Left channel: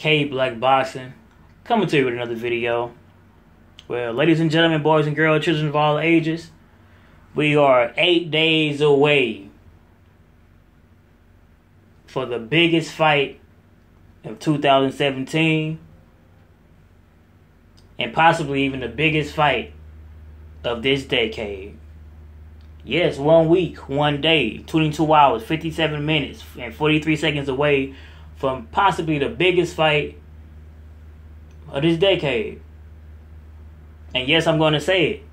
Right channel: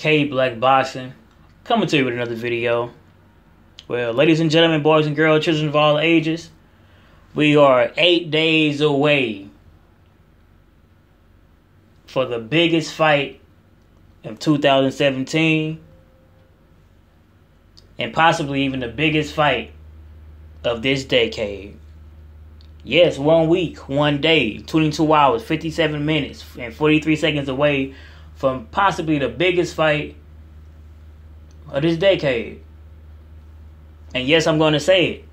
K Black Boxing, coming to you with another video. Well, ladies and gentlemen, boys and girls, children of all ages, we are 8 days away for the biggest fight of 2017 and possibly even the biggest fight of this decade. Yes, 1 week, 1 day, 22 hours, 57 minutes, and 43 seconds away from possibly the biggest fight of this decade. And yes, I'm going to say it,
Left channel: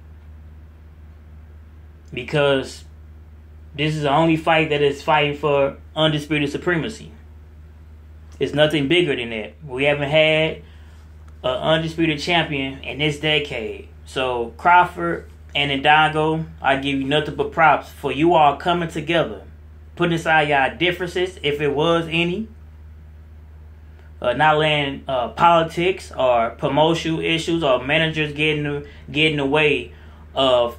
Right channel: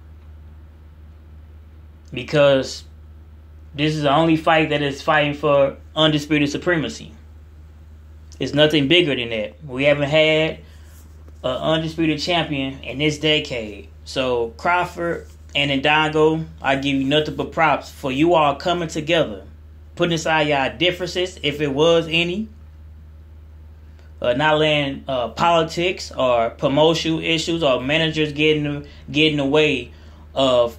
because this is the only fight that is fighting for undisputed supremacy. It's nothing bigger than that. We haven't had an undisputed champion in this decade. So Crawford and Indongo, I give you nothing but props for you all coming together, putting aside y'all differences, if it was any, not letting politics or promotional issues or managers getting in the way of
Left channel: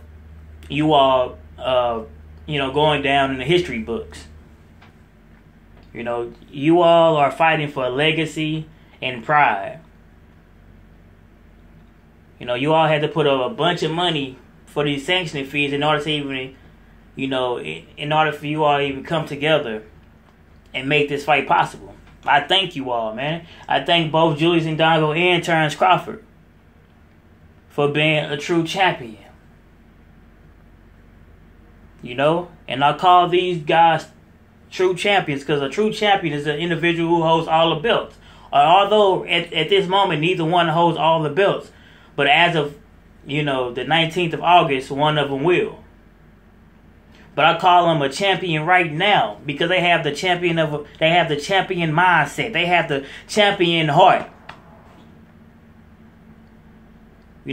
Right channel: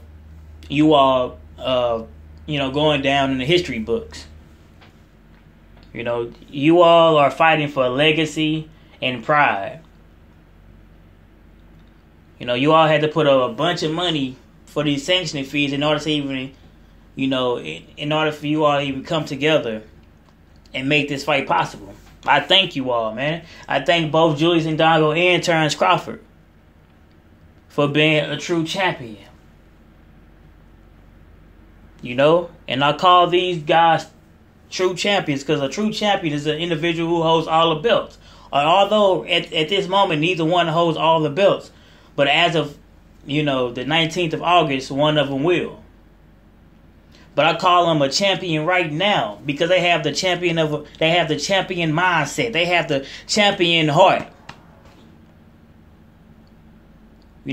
you all, going down in the history books. You all are fighting for legacy and pride. You all had to put up a bunch of money for these sanctioning fees in order to even, in order for you all to even come together and make this fight possible. I thank you all, man. I thank both Julius Indongo and Terrence Crawford for being a true champion. And I call these guys true champions because a true champion is an individual who holds all the belts. Although at this moment, neither one holds all the belts. But as of, the 19th of August, one of them will. But I call them a champion right now because they have the champion mindset. They have the champion heart.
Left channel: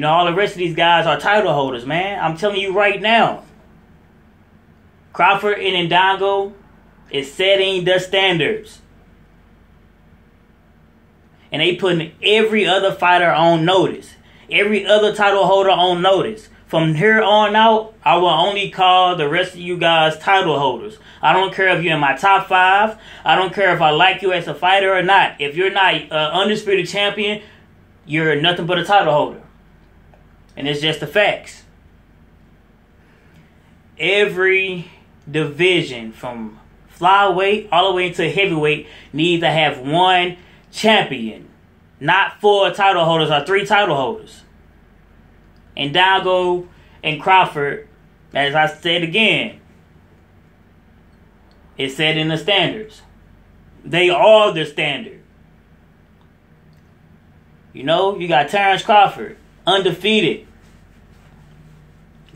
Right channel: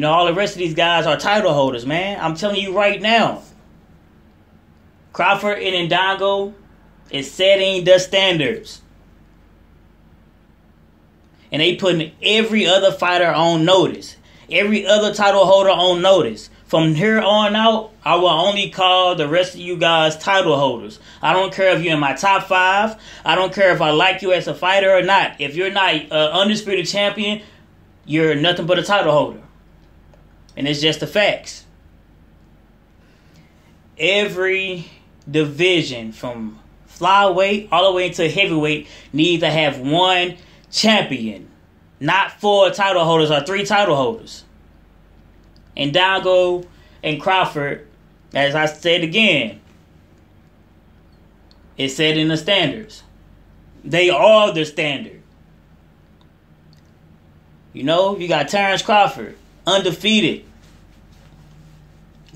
All the rest of these guys are title holders, man. I'm telling you right now. Crawford and Indongo is setting the standards. And they putting every other fighter on notice. Every other title holder on notice. From here on out, I will only call the rest of you guys title holders. I don't care if you're in my top 5. I don't care if I like you as a fighter or not. If you're not an undisputed champion, you're nothing but a title holder. And it's just the facts. Every division from flyweight all the way into heavyweight needs to have one champion. Not 4 title holders or 3 title holders. Indongo and Crawford, as I said again, is set in the standards. They are the standard. You got Terrence Crawford, undefeated.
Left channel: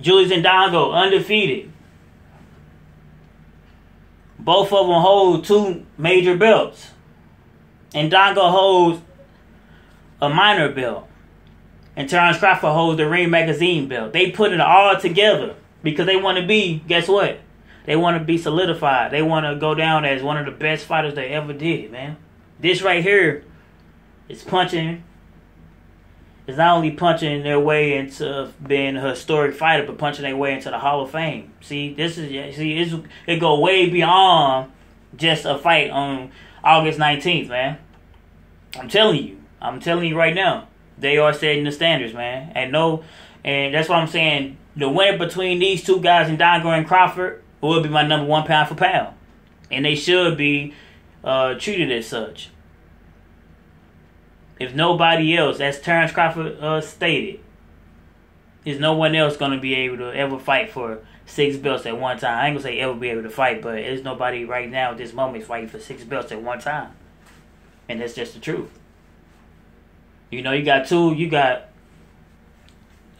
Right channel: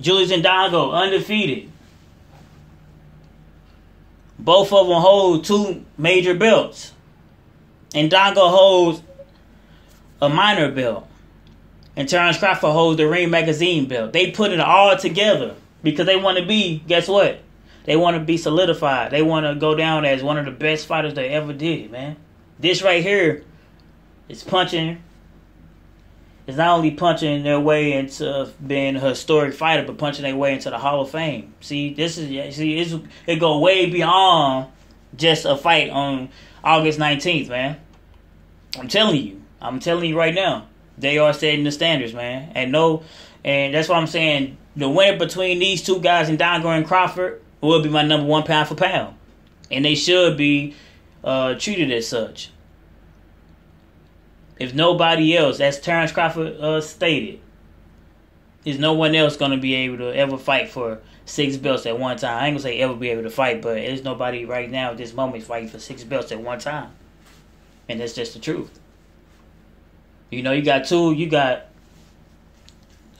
Julius Indongo, undefeated. Both of them hold 2 major belts. Indongo holds a minor belt. And Terrence Crawford holds the Ring Magazine belt. They put it all together because they want to be, guess what? They want to be solidified. They want to go down as one of the best fighters they ever did, man. This right here is punching. It's not only punching their way into being a historic fighter, but punching their way into the Hall of Fame. It go way beyond just a fight on August 19th, man. I'm telling you right now. They are setting the standards, man. And that's why I'm saying the winner between these 2 guys, Indongo and Crawford, will be my number 1 pound for pound. And they should be treated as such. If nobody else, as Terrence Crawford stated, is no one else going to be able to ever fight for 6 belts at one time. I ain't going to say ever be able to fight, but there's nobody right now at this moment fighting for 6 belts at one time. And that's just the truth. You got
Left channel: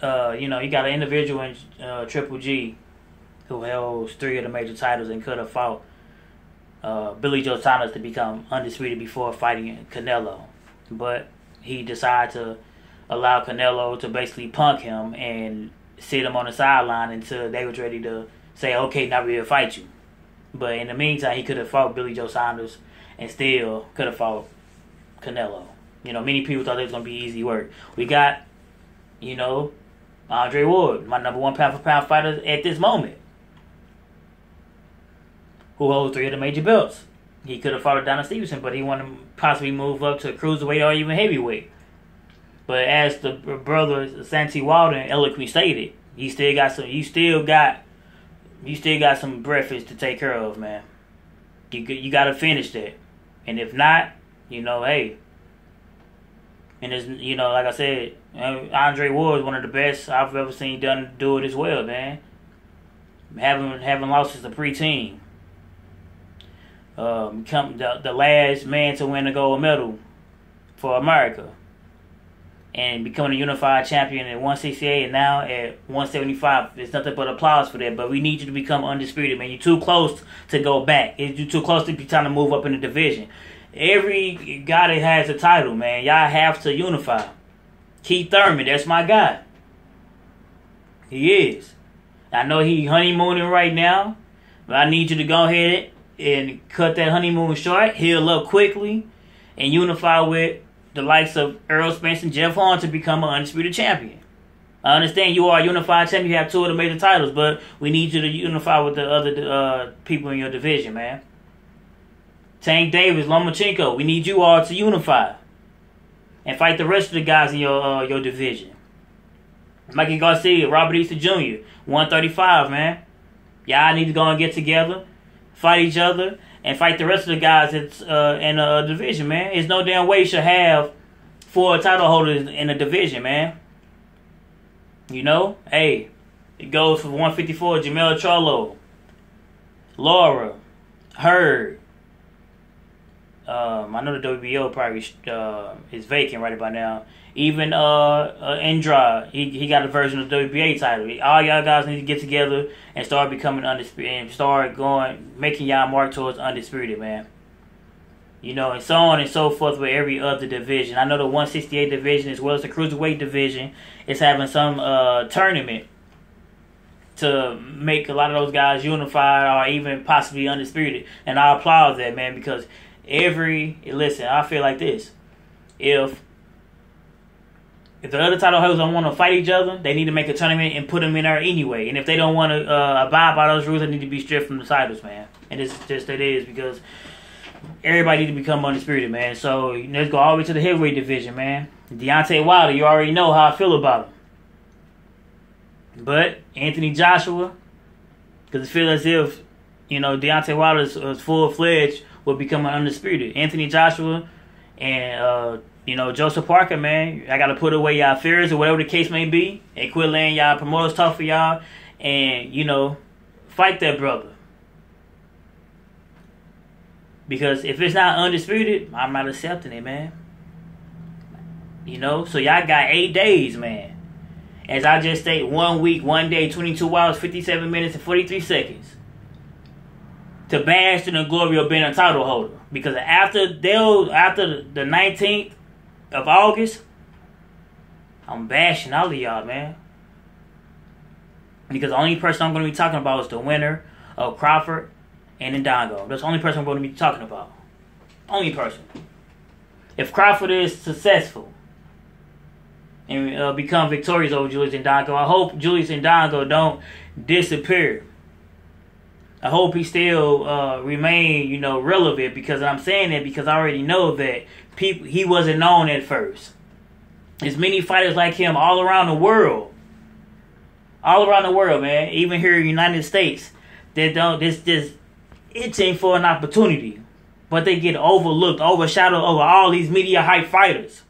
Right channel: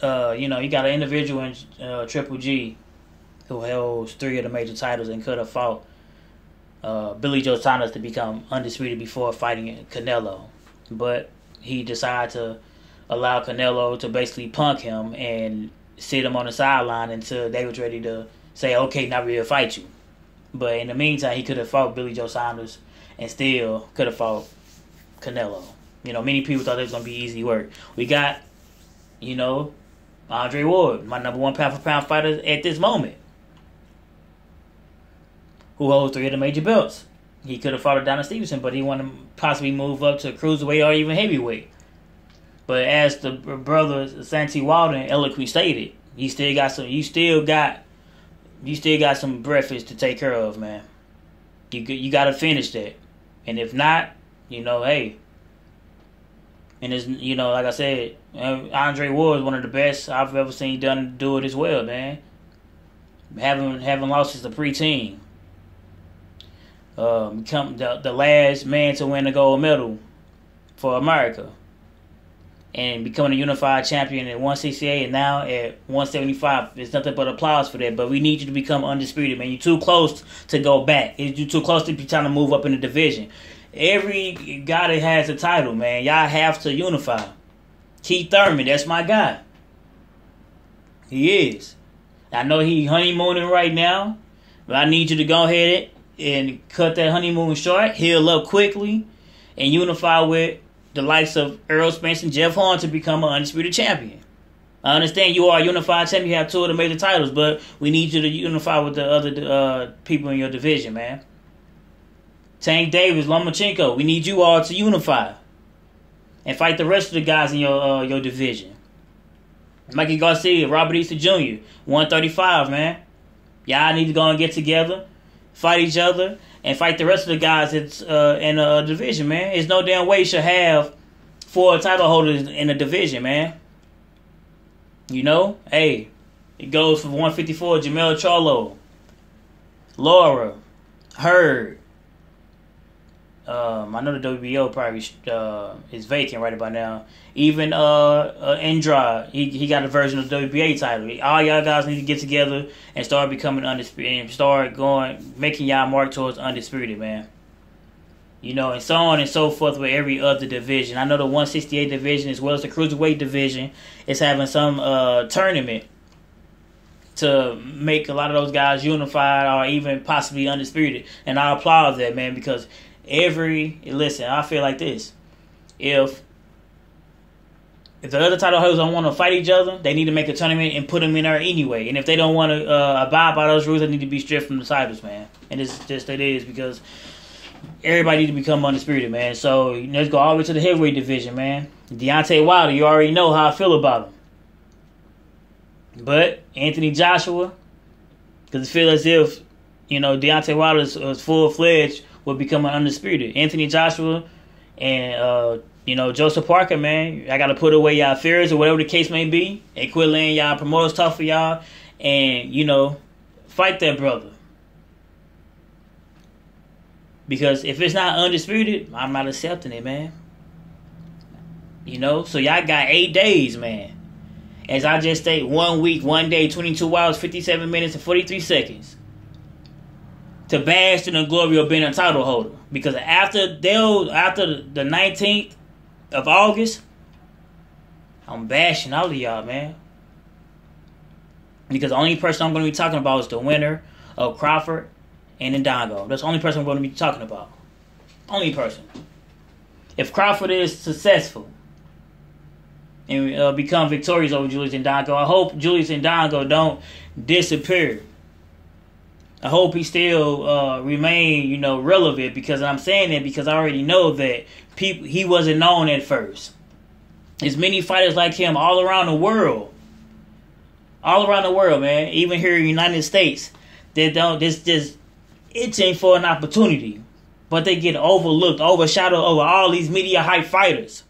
an individual in Triple G who holds 3 of the major titles and could have fought Billy Joe Saunders to become undisputed before fighting Canelo. But he decided to allow Canelo to basically punk him and sit him on the sideline until they was ready to say, okay, now we'll fight you. But in the meantime, he could have fought Billy Joe Saunders and still could have fought Canelo. Many people thought it was going to be easy work. We got, Andre Ward, my number 1 pound for pound fighter at this moment, who holds 3 of the major belts. He could have fought Adonis Stevenson, but he wanted to possibly move up to cruiserweight or even heavyweight. But as the brother Santi Walden eloquently stated, you still got some breakfast to take care of, man. You got to finish that, and if not, hey. And it's, like I said, Andre Ward is one of the best I've ever seen do it as well, man. Having lost as a preteen. Become the last man to win a gold medal for America. And becoming a unified champion at 168 and now at 175. There's nothing but applause for that. But we need you to become undisputed, man. You're too close to go back. You're too close to be trying to move up in the division. Every guy that has a title, man, y'all have to unify. Keith Thurman, that's my guy. He is. I know he honeymooning right now, but I need you to go ahead and cut that honeymoon short, heal up quickly, and unify with the likes of Errol Spence and Jeff Horn to become an undisputed champion. I understand you are a unified champion, you have 2 of the major titles, but we need you to unify with the other people in your division, man. Tank Davis, Lomachenko, we need you all to unify and fight the rest of the guys in your division. Mikey Garcia, Robert Easter Jr., 135, man. Y'all need to go and get together, fight each other, and fight the rest of the guys that's in the division, man. There's no damn way you should have 4 title holders in a division, man. Hey, it goes for 154, Jamel Charlo, Laura, Hurd. I know the WBO probably is vacant right about now. Even Andrade, he got a version of the WBA title. All y'all guys need to get together and start becoming undisputed and start making y'all mark towards undisputed, man. And so on and so forth with every other division. I know the 168 division as well as the cruiserweight division is having some tournament to make a lot of those guys unified or even possibly undisputed. And I applaud that, man, because listen, I feel like this. If the other title holders don't want to fight each other, they need to make a tournament and put them in there anyway. And if they don't want to abide by those rules, they need to be stripped from the titles, man. And it's just that it is because everybody need to become undisputed, man. So let's go all the way to the heavyweight division, man. Deontay Wilder, you already know how I feel about him. But Anthony Joshua, because I feel as if, Deontay Wilder is full-fledged will become an undisputed. Anthony Joshua and, Joseph Parker, man. I got to put away y'all fears or whatever the case may be and quit letting y'all promoters talk for y'all and, fight that brother. Because if it's not undisputed, I'm not accepting it, man. So y'all got 8 days, man. As I just stated, 1 week, 1 day, 22 hours, 57 minutes, and 43 seconds. To bash in the glory of being a title holder. Because after the 19th of August, I'm bashing all of y'all, man. Because the only person I'm going to be talking about is the winner of Crawford and Indongo. That's the only person I'm going to be talking about. Only person. If Crawford is successful and become victorious over Julius Indongo, I hope Julius Indongo don't disappear. I hope he still remain, relevant, because I'm saying that because I already know that he wasn't known at first. There's many fighters like him all around the world. All around the world, man. Even here in the United States, that don't just itching for an opportunity. But they get overlooked, overshadowed over all these media hype fighters.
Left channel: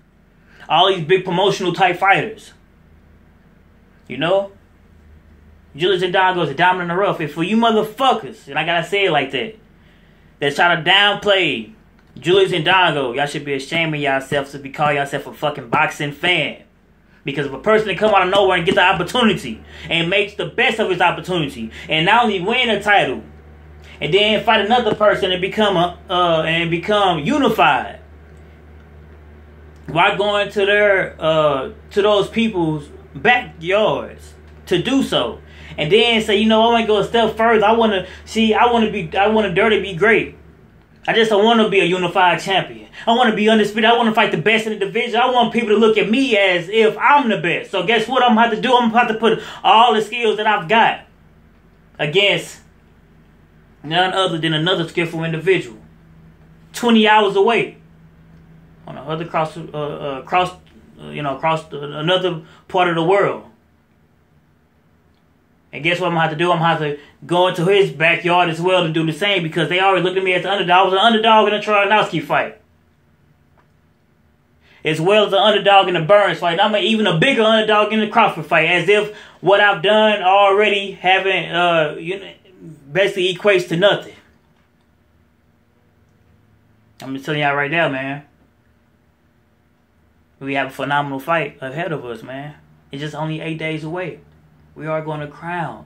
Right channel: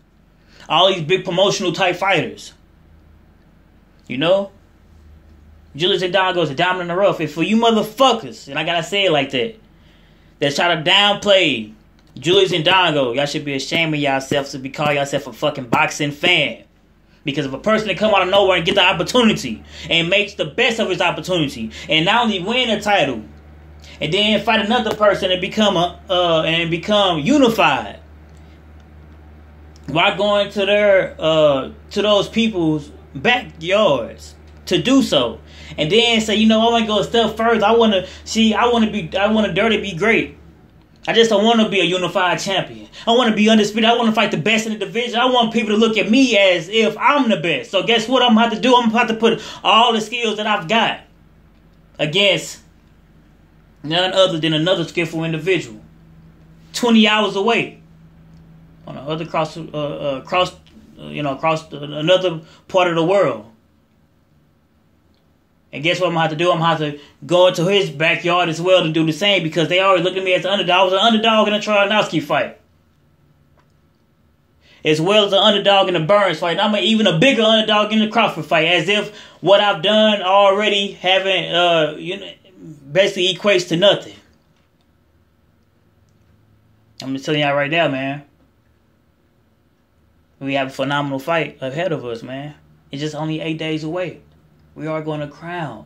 All these big promotional type fighters. Julius Indongo is a diamond in the rough. And for you motherfuckers, and I gotta say it like that try to downplay Julius Indongo, y'all should be ashamed of yourselves to be calling yourself a fucking boxing fan. Because if a person that come out of nowhere and get the opportunity and makes the best of his opportunity and not only win a title and then fight another person and become unified while going to their to those people's backyards to do so. And then say, I want to go a step further. I want to dare to be great. I just don't want to be a unified champion. I want to be undisputed. I want to fight the best in the division. I want people to look at me as if I'm the best. So guess what I'm about to do? I'm about to put all the skills that I've got against none other than another skillful individual. 20 hours away on the other across another part of the world. And guess what I'm gonna have to do? I'm gonna have to go into his backyard as well to do the same, because they already looked at me as an underdog. I was an underdog in the Troyanowski fight, as well as an underdog in the Burns fight. I'm even a bigger underdog in the Crawford fight, as if what I've done already basically equates to nothing. I'm just telling y'all right now, man. We have a phenomenal fight ahead of us, man. It's just only 8 days away. We are going to crown.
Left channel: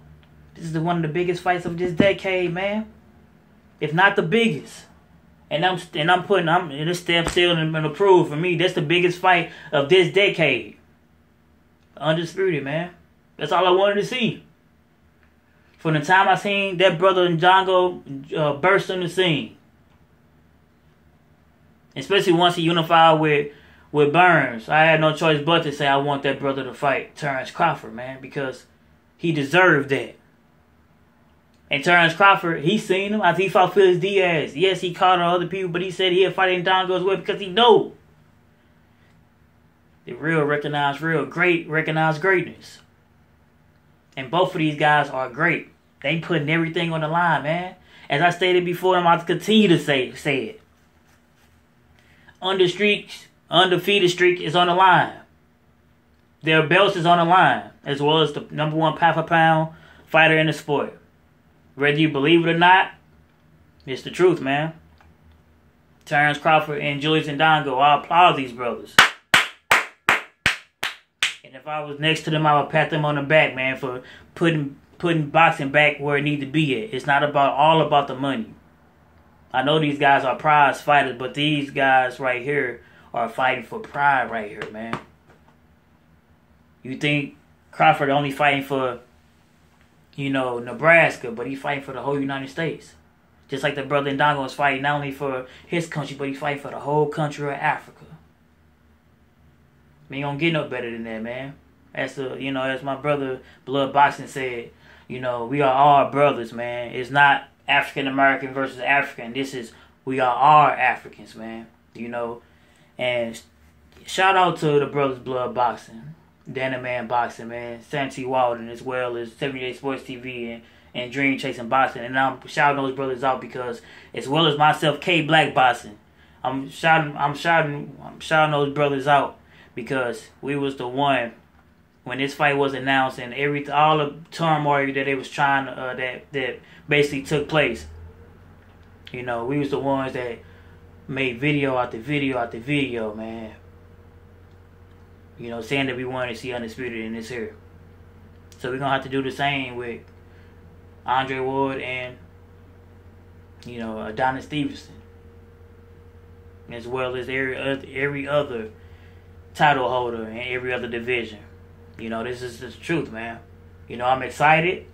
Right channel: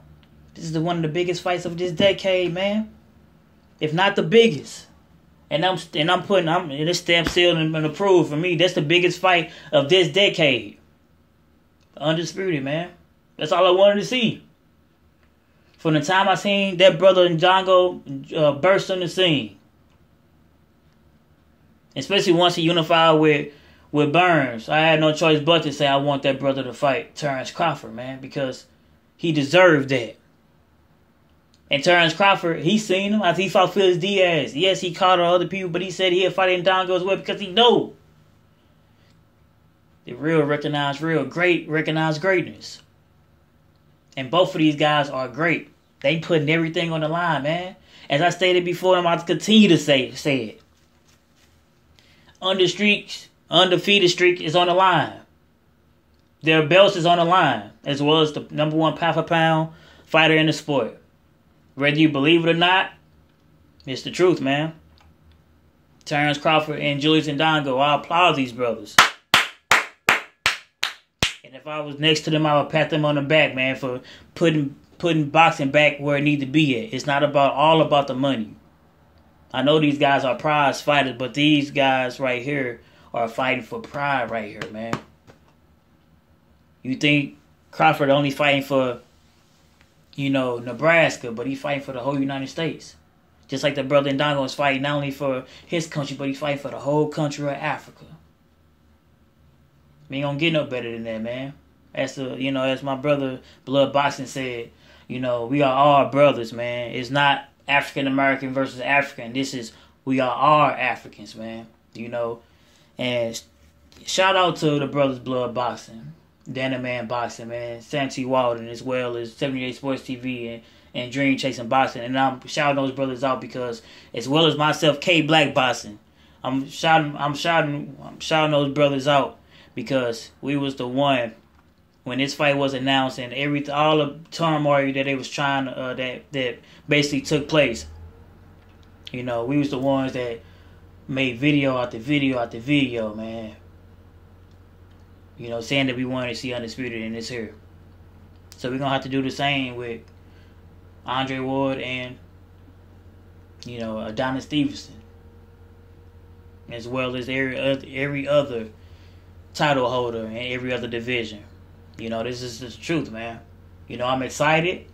This is one of the biggest fights of this decade, man. If not the biggest. And it's stamp sealed and approved for me. That's the biggest fight of this decade. Undisputed, man. That's all I wanted to see. From the time I seen that brother Indongo burst on the scene. Especially once he unified with Burns. I had no choice but to say I want that brother to fight Terrence Crawford, man. Because he deserved that. And Terrence Crawford, he seen him after he fought Felix Diaz. Yes, he called on other people, but he said he'll fight Indongo as well because he know. The real recognize greatness. And both of these guys are great. They putting everything on the line, man. As I stated before, I'm about to continue to say it. Undefeated streak is on the line. Their belts is on the line, as well as the #1 pound-for-pound fighter in the sport. Whether you believe it or not, it's the truth, man. Terrence Crawford and Julius Indongo, I applaud these brothers. And if I was next to them, I would pat them on the back, man, for putting boxing back where it needs to be at. It's not all about the money. I know these guys are prize fighters, but these guys right here are fighting for pride right here, man. You think Crawford only fighting for, Nebraska, but he fighting for the whole United States. Just like the brother Indongo is fighting not only for his country, but he fighting for the whole country of Africa. We ain't gonna get no better than that, man. As my brother Blood Boxing said, we are all brothers, man. It's not African American versus African. We are all Africans, man. And shout out to the brothers Blood Boxing, Dana Man Boxing, man, Sam T. Walden, as well as 78 Sports TV and Dream Chasing Boxing. And I'm shouting those brothers out because, as well as myself, K Black Boxing, I'm shouting those brothers out because we was the one when this fight was announced and all the turmoil that they was trying that basically took place. We was the ones that made video after video after video, man. Saying that we wanted to see Undisputed in this here. So we're going to have to do the same with Andre Ward and, Adonis Stevenson. As well as every other title holder in every other division. This is the truth, man. I'm excited.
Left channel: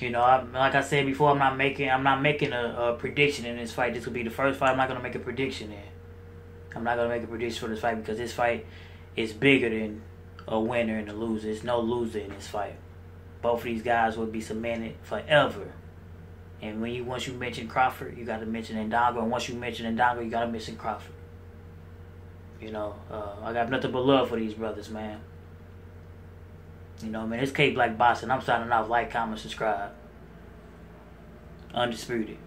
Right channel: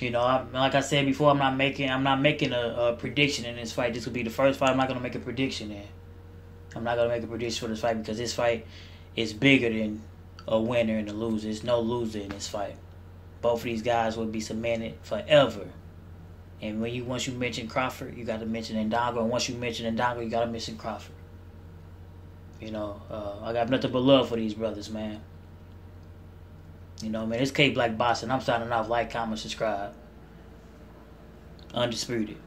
Like I said before, I'm not making a prediction in this fight. This will be the first fight I'm not going to make a prediction in. I'm not going to make a prediction for this fight because this fight is bigger than a winner and a loser. There's no loser in this fight. Both of these guys will be cemented forever. And once you mention Crawford, you got to mention Indongo. And once you mention Indongo, you got to mention Crawford. I got nothing but love for these brothers, man. Man, it's K Black Boxing. I'm signing off. Like, comment, subscribe. Undisputed.